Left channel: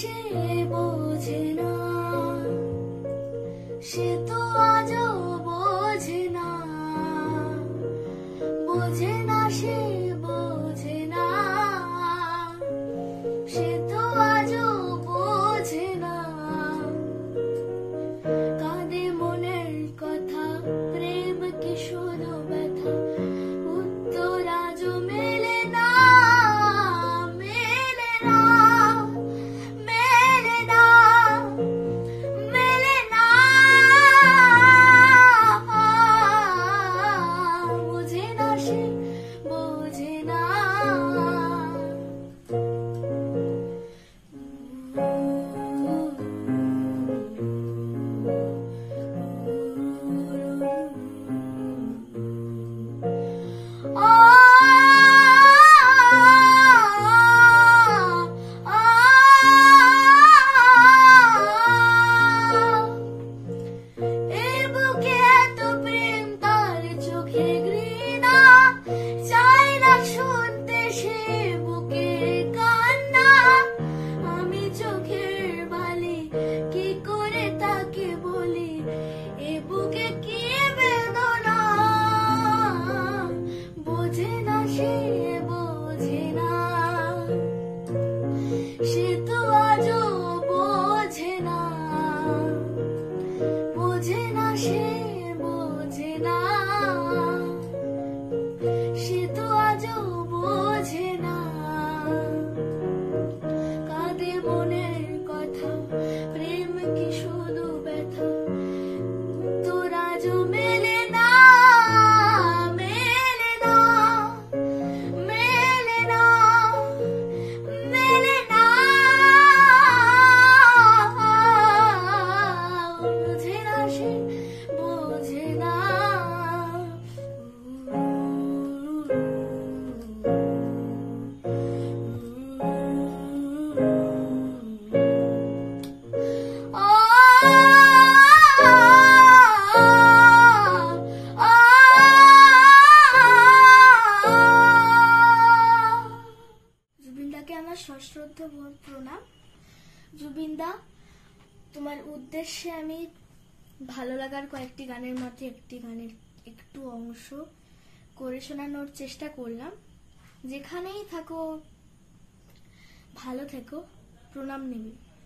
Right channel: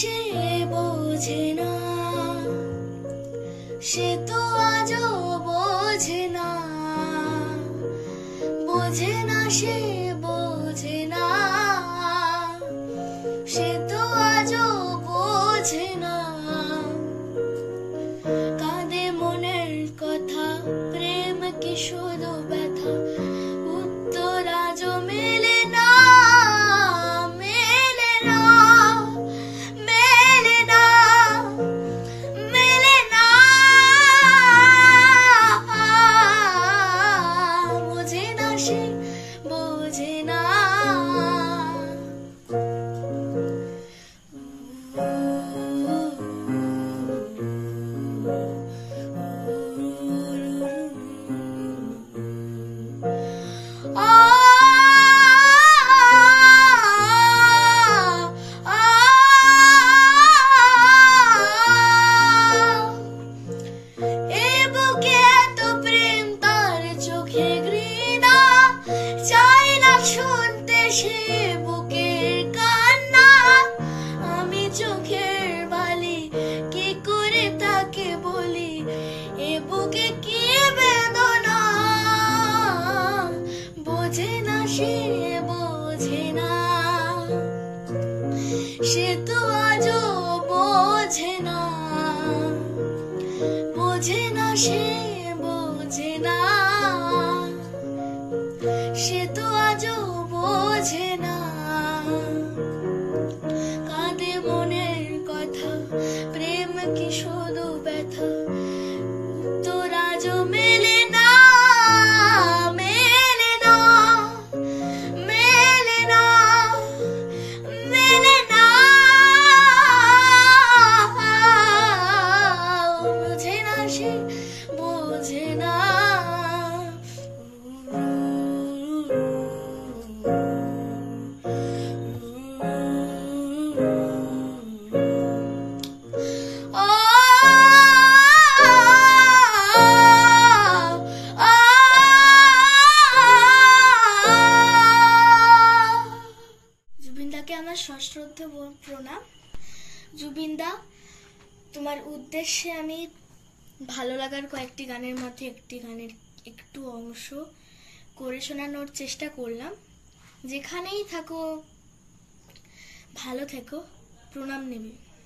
সে বোঝে না, সে তো আজও বোঝে না, বোঝে না সে বোঝে না, সে তো আজও বোঝে না। কাঁদে মনের কথা, প্রেম কি শুধু ব্যথা, উত্তর আজও মেলে না, মেলে না, মেলে না, মেলে না। বোঝে না সে বোঝে না। শুনতে সে বুকের কান্না, আমি চোখের বালি কি করে তাকে বলি, এ বুকে কি বেদনা। বোঝে না সে বোঝে না, সে তো আজও বোঝে না, বোঝে না সে বোঝে না, সে তো আজও বোঝে না। কাঁদে মনের কথা, প্রেম কি শুধু ব্যথা, তোর আজও মেলে না, মেলে না, মেলে না, মেলে না। বোঝে না সে বোঝে না। জুবিনদাকে আমার সশ্রদ্ধ প্রণাম। জুবিনদা, তোমার উদ্দেশ্যে আমি ভালো লাগার কয়েকটি গানের মধ্যে একটি গানের একটু অংশ করে শোনানোর চেষ্টা করলাম। যেখানেই থাকো ভালো থেকো, প্রণাম নেবে।